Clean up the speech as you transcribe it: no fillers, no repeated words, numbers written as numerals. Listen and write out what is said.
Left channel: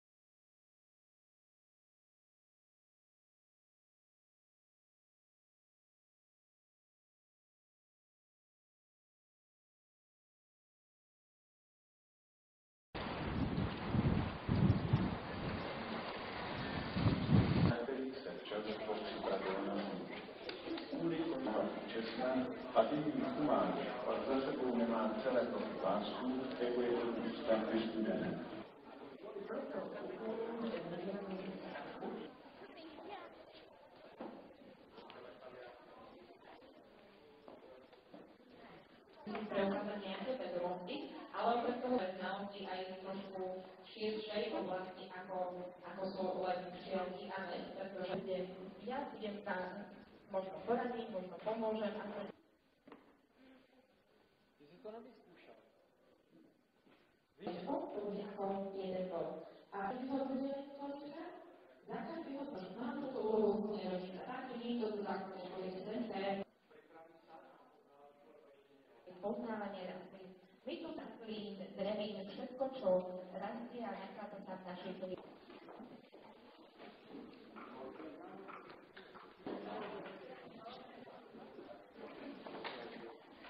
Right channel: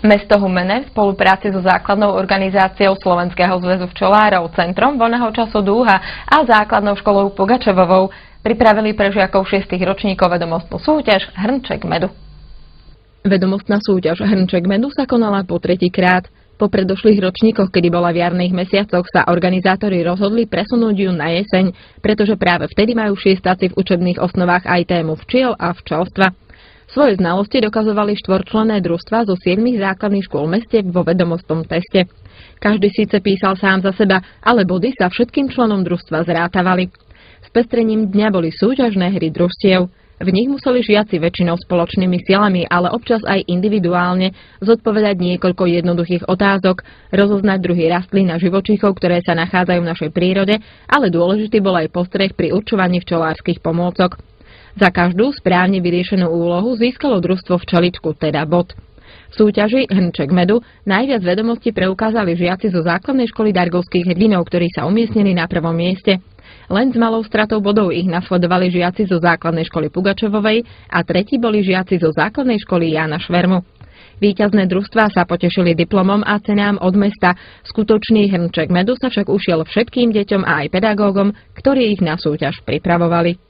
Mesto Humenné v spolupráci so základnou organizáciou Slovenského zväzu včelárov, Centrom voľného času Dúha a základnou školou Pugačevovou pripravili pre žiakov 6. ročníkov vedomostnú súťaž Hrnček medu. Vedomostná súťaž Hrnček medu sa konala po tretíkrát. Po predošlých ročníkoch, kedy bola v jarných mesiacoch, sa organizátori rozhodli presunúť ju na jeseň, pretože práve vtedy majú šiestáci v učebných osnovách aj tému včiel a včelstva. Svoje znalosti dokazovali štvorčlenné družstvá zo 7 základných škôl v meste vo vedomostnom teste. Každý síce písal sám za seba, ale body sa všetkým členom družstva zrátavali. Spestrením dňa boli súťažné hry družstiev. V nich museli žiaci väčšinou spoločnými silami, ale občas aj individuálne zodpovedať niekoľko jednoduchých otázok, rozoznať druhy rastlín a živočíchov, ktoré sa nachádzajú v našej prírode, ale dôležitý bol aj postreh pri určovaní včelárskych pomôcok. Za každú správne vyriešenú úlohu získalo družstvo včeličku, teda bod. V súťaži Hrnček medu najviac vedomostí preukázali žiaci zo základnej školy Dargovských hrdinov, ktorí sa umiestnili na prvom mieste. Len s malou stratou bodov ich nasledovali žiaci zo základnej školy Pugačevovej a tretí boli žiaci zo základnej školy Jána Švermu. Víťazné družstvá sa potešili diplomom a cenám od mesta. Skutočný Hrnček medu sa však ušiel všetkým deťom a aj pedagógom, ktorí ich na súťaž pripravovali.